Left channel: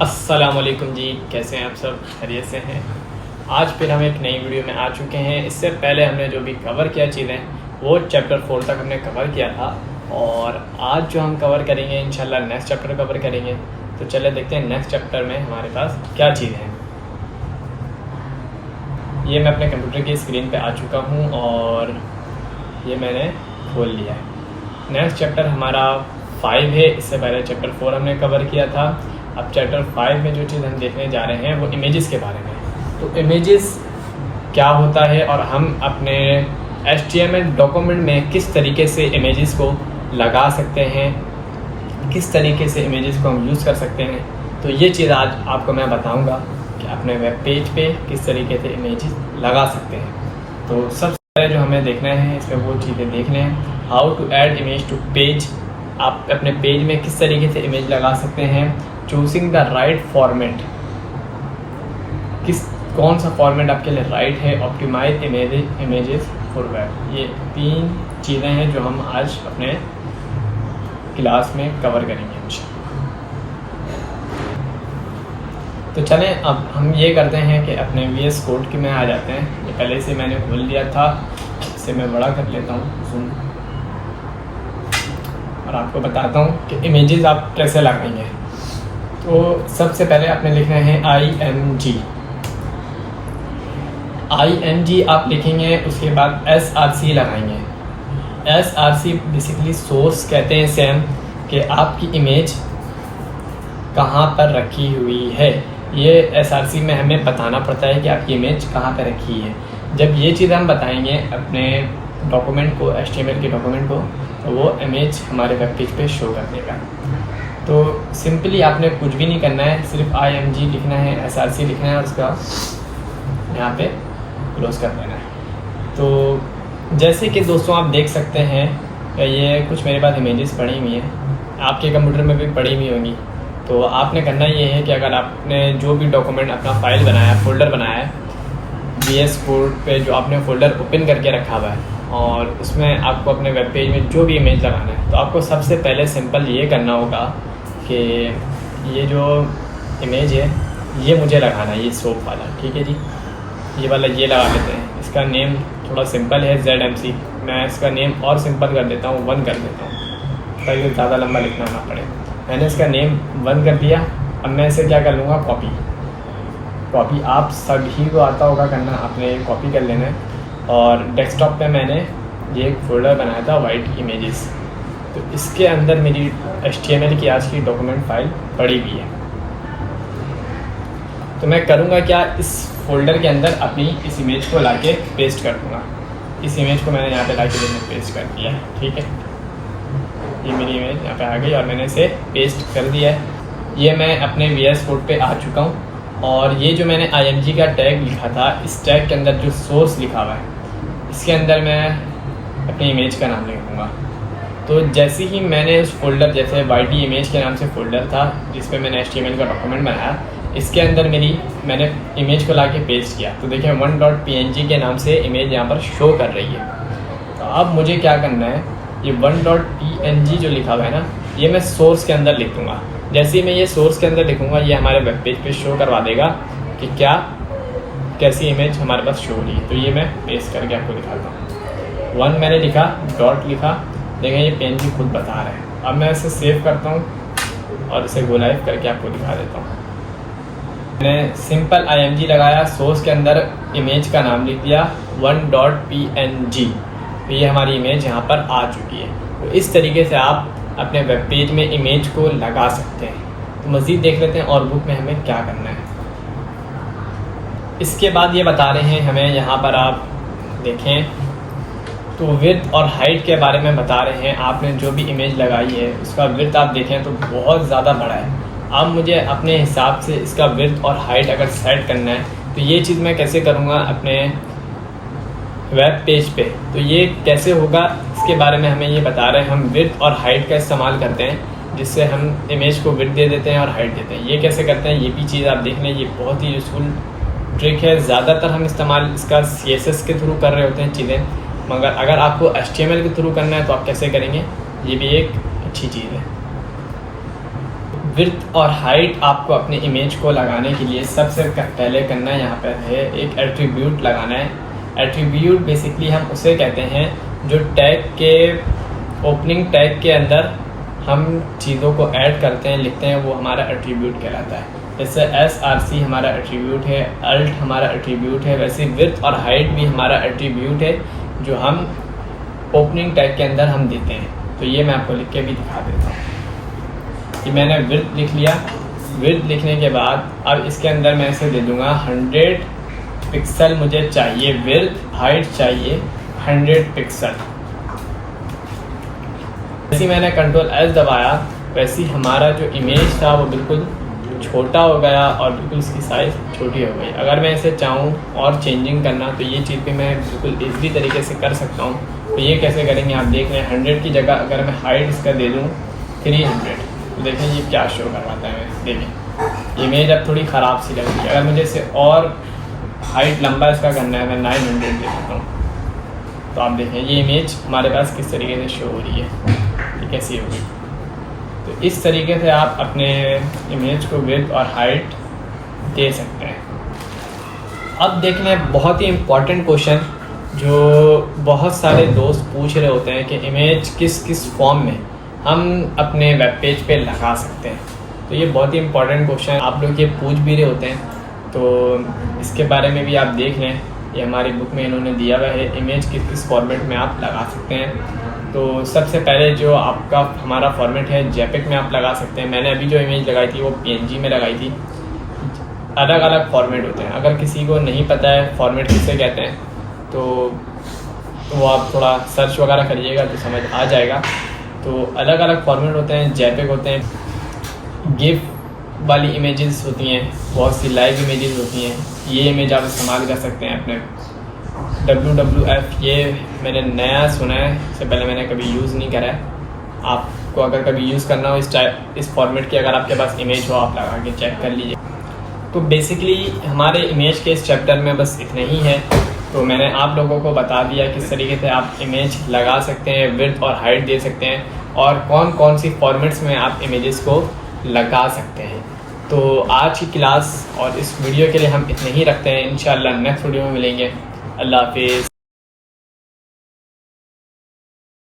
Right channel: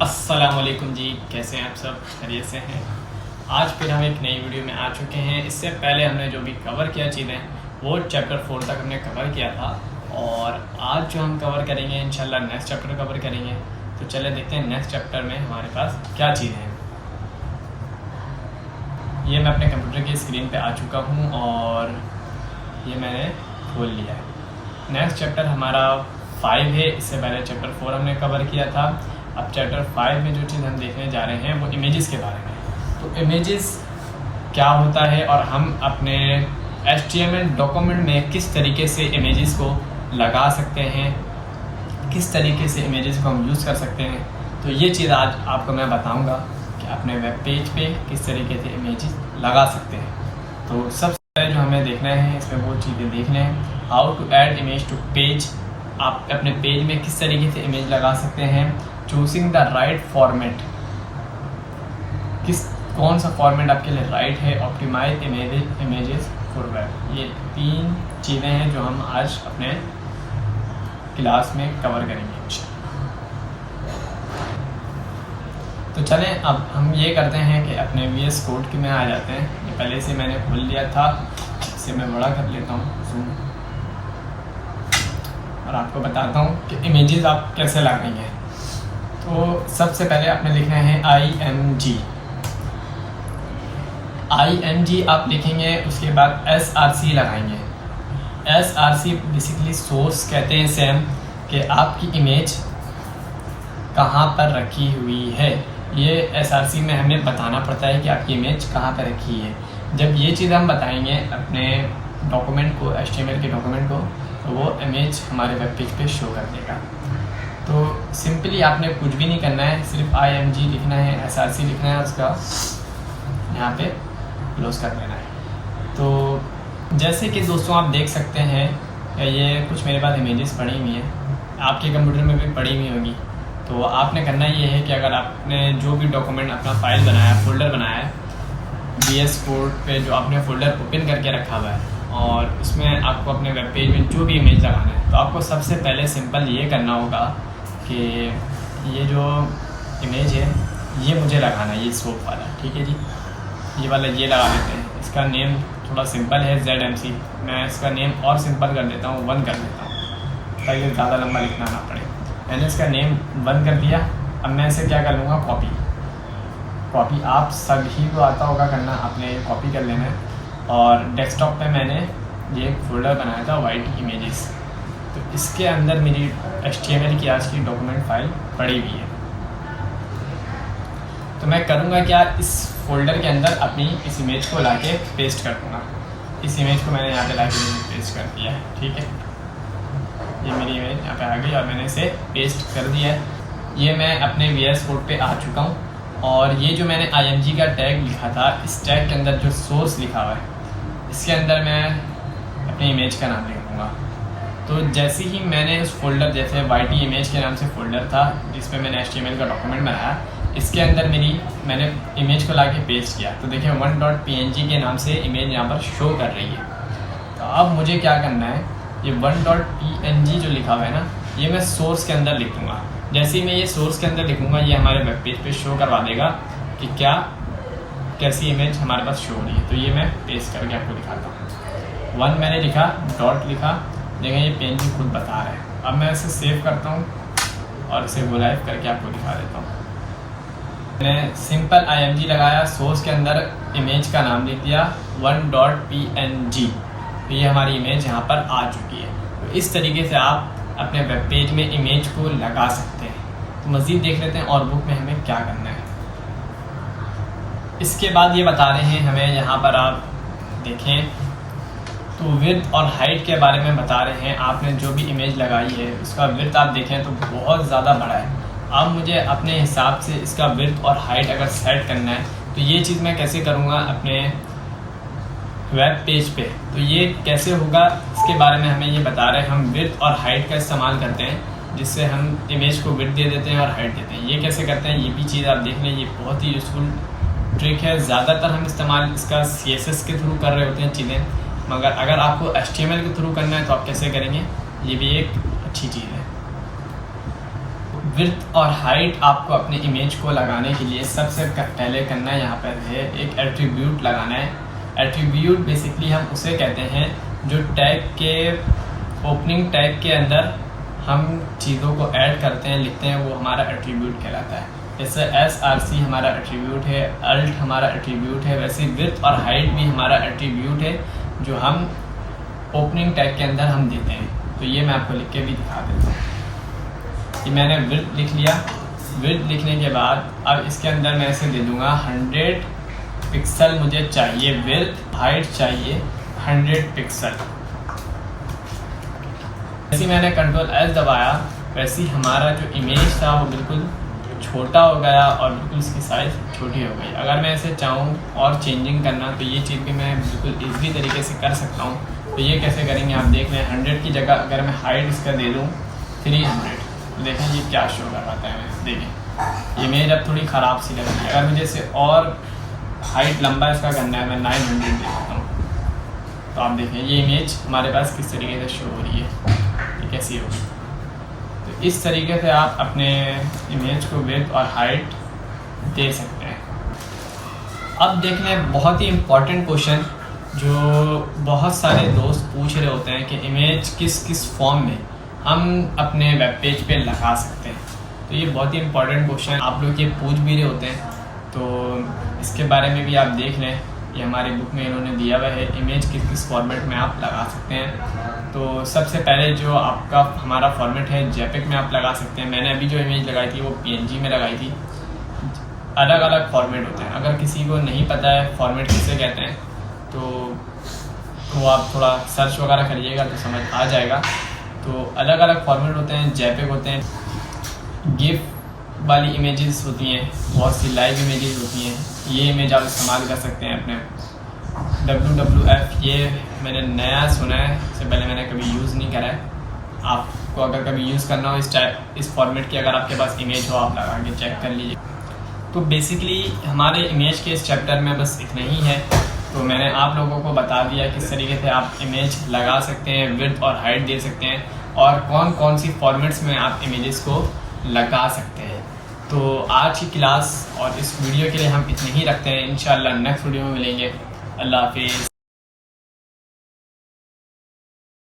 अस्सलामुअलैकुम जी, कैसे हैं आप सब? खैरियत से हैं? आज फिर हम एक नई वीडियो में आ चुके हैं। इससे पहले हमने जो भी कवर किया चीज़ें वो चैप्टर 4 तक हमने कवर किया था और आज जो हम कवर करेंगे इंशाल्लाह नेक्स्ट चैप्टर कवर करेंगे। तो चले देखते हैं नेक्स्ट चैप्टर में हमारे पास क्या चीज़ है। ये मैं अपने कंप्यूटर की स्क्रीन पे आ चुका हूँ और ये मैंने खोल लिया है। नेक्स्ट चैप्टर हमारा 5 है। इससे पहले चैप्टर 4 हमने कवर किया था। अब चैप्टर 5 में जो चीज़ हम देखने जा रहे हैं वो इमेजेस के बारे में। तो इमेजेस क्या होता है और हम अपने HTML डॉक्यूमेंट में किस तरीके से इमेजेस को लगा सकते हैं, किस तरीके से इमेजेस को हम यूज़ कर सकते हैं। तो ये चीज़ आज आपको मैं बताऊंगा कि अपने वेब पेज पे किस तरीके से इमेजेस लगा सकते हैं। तो सबसे पहले जो हमें देखना है इसमें वो चीज़ें देखने हैं। How to add image to page. आप अपने पेज में किस तरीके से इमेज लगा सकते हैं। चूजिंग द राइट फॉर्मेट, कौन सा फॉर्मेट आपके लिए राइट है। Optimise images for web. ये 3 चीज़ें हैं जो हम आज अपने क्लास में कवर करेंगे। तो चलें अब हम ये करते हैं कि अपने VS कोड के में आ जाते हैं। ये पहले से मैंने खोल लिया था, इसे मैं बड़ा कर लेता हूँ जूम और आपको बताता हूँ कि इमेजेस आप कैसे लगाएंगे। तो सबसे पहले आपने लिखना है IMG आप लिखेंगे, उसके बाद SRC लगाएंगे। SRC बेसिकली सोर्स कहते हैं सेम कि आपकी इमेज कहाँ पर रखी हुई है। ये SRC में हमें बताना पड़ता है कि आपकी इमेज कहाँ पर रखी है। जब ये चीज़ हम बताएंगे अपने डॉक्यूमेंट को, HTML के डॉक्यूमेंट को, तो वो इमेज हमारे वेब पेज पे शो कर देगा। तो सिंपली आपने कुछ भी नहीं करना है, सिर्फ IMG लिखना है, SRC लिखना है, उसका यहाँ पे क्लोज कर देना है। तो जैसे कि दोस्तों आप देख सकते हैं ये कुछ मेरे पास इमेजेस पड़ी हुई हैं, आपके कंप्यूटर में भी पड़ी हुई होंगी। तो आपने करना ये है कि अगर आपने जो भी डॉक्यूमेंट अपना फाइल बनाया, फोल्डर बनाया है VS कोड पे, जो आपने फोल्डर ओपन करके रखा हुआ है और उसमें आपको अपने वेब पेज में जो भी इमेज लगाना है, तो आपको सबसे पहले सिंपल ये करना होगा कि ये जो इमेज है ये मुझे लगाना है, ये सोप वाला, ठीक है जी। ये वाला ये लगा लेते हैं। इसका नेम थोड़ा सिंपल है ZMC। मैं इसका नेम और सिंपल कर देता हूँ, 1 कर देता हूँ ताकि ज़्यादा लंबा लिखना ना पड़े। मैंने इसका नेम 1 कर दिया। अब मैं इसे क्या कर लूँगा, कॉपी आप सभी को आता होगा करना, आपने कॉपी कर लेना है। और डेस्कटॉप पे मैंने ये एक फ़ोल्डर बनाया था वाइट इमेजेस, तो इसके अंदर मेरी HTML की आज की डॉक्यूमेंट फाइल पड़ी हुई है। तो मैं करूँगा क्या, इस फोल्डर के अंदर अपनी इस इमेज को लाके पेस्ट कर दूँगा। इस इमेज को मैंने यहाँ पे लाके पेस्ट कर दिया है, ठीक है। ये मेरी इमेज यहाँ पे आ गई और मैंने इसे पेस्ट कर दिया है। ये मैं अपने VS कोड पे आ चुका हूँ और ये जो मैंने IMG का टैग लिखा था, इस टैग के अंदर जो सोर्स लिखा हुआ है इसके अंदर मैं अपनी इमेज का नाम लिखूँगा। तो जैसे ही मैंने उस फोल्डर, जैसे YT इमेज के नाम से फ़ोल्डर था जिस पे मैंने HTML का डॉक्यूमेंट बनाया, इसके अंदर मैंने इमेज को लाके पेस्ट किया। तो देखिए 1.png के नाम से इमेज यहाँ पर शो कर रही है। तो अब मुझे क्या करना है, ये 1.png जो लिखा हुआ है ना, ये मैं सोर्स के अंदर लिख दूँगा। जैसे ही मैं ये सोर्स के अंदर लिखूँगा, ये हमारे वेब पेज पे शो करवा देगा कि कैसी इमेज हमारे पास शो हो रही है। तो ये मैं पेस्ट करके आपको दिखाता हूँ। 1 मैंने लिखा, डॉट लिखा, देखें ये PNG खुद बता रहा है। अब मैं इसे सेव करता हूँ और इसे गो लाइव करके आपको दिखा देता हूँ। मैंने सिंपल IMG लगाया, सोर्स के अंदर इमेज का नाम लिख दिया 1.png। तो ये हमारी इमेज यहाँ पर आ चुकी है। तो इस तरीके से आप अपने वेब पेज में इमेज को लगा सकते हैं। तो मज़ीद देख लेते हैं और बुक में हमें क्या करना है। इसके बाद ये बता रहे हैं हमें, यहाँ पर आप देखें तो विड्थ और हाइट के बारे में बता रहे हैं। आपने जो भी इमेज लगाई है उसका विड्थ आप देखें तो बहुत ज़्यादा बड़ा है। अब मुझे अपने हिसाब से इसका विड्थ और हाइट अगर सेट करना है, तो ये चीज़ मैं कैसे करूँगा अपने वेब पेज पे। तो ये कैसे होगा इसके बारे में हमें ये बता रहे हैं। हम विड्थ और हाइट का इस्तेमाल करते हैं, जिससे हम इमेज को विड्थ दे देते हैं और हाइट देते हैं। ये कैसे करते हैं, ये भी चीज़ आप देख लें। ये बहुत ही यूज़फुल ट्रिक है। ज़्यादातर हम इस्तेमाल इसका CSS के थ्रू कर रहे होते हैं चीज़ें, मगर अगर आपको HTML के थ्रू करना है तो आप कैसे करेंगे, ये भी एक अच्छी चीज़ है। विड्थ और हाइट आपको अपने इमेज को लगाने के लिए सबसे पहले करना यहाँ पर है एक एट्रीब्यूट लगाना है। एट्रीब्यूट बेसिकली हम उसे कहते हैं जो टैग के ओपनिंग टैग के अंदर हम चीज़ों को ऐड करते हैं, लिखते हैं, वो हमारा एट्रीब्यूट कहलाता है। जैसे SRC हमारा एट्रीब्यूट है, अल्ट हमारा एट्रीब्यूट है, वैसे विड्थ और हाइट भी हमारा एट्रीब्यूट है जो हम ओपनिंग टैग के अंदर हम देते हैं। तो ये मैं आपको लिख के भी दिखा देता हूँ कि मैंने विड्थ लिख लिया। विड्थ लिखने के बाद अब इसके अंदर मैं इसे दे दूंगा 100 पिक्सल मुझे चाहिए विड्थ, हाइट चाहिए 100 पिक्सल। जैसे मैंने Ctrl+S दबाया वैसे हमारा जो इमेज था वो बिल्कुल छोटा हो गया और बिल्कुल इसकी साइज़ छोटी हो गई। अगर मैं इसे चाहूँ और चेंजिंग करना तो ये चीज़ भी मैं बिल्कुल ईज़िली तरीके से कर सकता हूँ। तो ये कैसे करेंगे आप देख रहे हैं। 100 की जगह अगर मैं हाइट इसका दे दूँ 300 तो देखें ये क्या शो करवाता है। देखें इमेज अब थोड़ी ख़राब सी लग रही है। अगर मुझे इसे और हाइट लंबा इसका करना है मैं 900 दे देता हूँ। तो आप देखें ये इमेज हमारे पास किस तरीके से शो हो रही है, ये कैसी होगी। तो इस तरीके से आप अपने इमेज को विड्थ और हाइट दे सकते हैं। अब देख लें बहुत ही इम्पॉर्टेंट क्वेश्चन जो बहुत सारे दोस्त पूछ रहे होते हैं कि इमेज किस किस फॉर्म में हम अपने वेब पेज पे लगा सकते हैं। तो ये बहुत ही इम्पॉर्टेंट क्वेश्चन आप लोग ये पूछ भी रहे होते हैं। तो इसके बारे में भी आप देख लें, ये हमारी बुक में इन्होंने दिया हुआ है इमेज किस किस फॉर्मेट में आप लगा सकते हैं। तो सबसे पहले जो आपका हमारा फॉर्मेट है JPEG में आप लगा सकते हैं। मैंने अभी जो इमेज लगाई थी वो PNG में लगाई थी। अलग अलग फॉर्मेट होते हैं, अगर किसी को नहीं पता है फॉर्मेट किसे कहते हैं तो वो आप थोड़ा सर्च वगैरह करिएगा तो समझ आ जाएगा। तो अलग अलग फॉर्मेट होते हैं, JPEG होते हैं, गिफ वाली इमेजेस होती हैं, बहुत सी लाइव इमेजेस होती हैं। ये इमेज आप इस्तेमाल कर सकते हैं अपने WWF। ये मैंने नया सुना है, इससे पहले मैंने कभी यूज़ नहीं करा है। आपको अगर कभी यूज़ करना हो इस फॉर्मेट की, अगर आपके पास इमेज हो आप लगा के चेक कर लीजिए। तो बेसिकली हमारे इमेज के इस चैप्टर में बस इतना ही है। तो मैंने आप लोगों को बता दिया किस तरीके से आप इमेज लगा सकते हैं, विड्थ और हाइट दे सकते हैं और कौन कौन सी फॉर्मेट्स में आप इमेजेस को लगा सकते हैं। तो आज की क्लास और इस वीडियो के लिए हम इतने ही रखते हैं। इंशाल्लाह नेक्स्ट वीडियो में मिलेंगे। अल्लाह हाफिज़।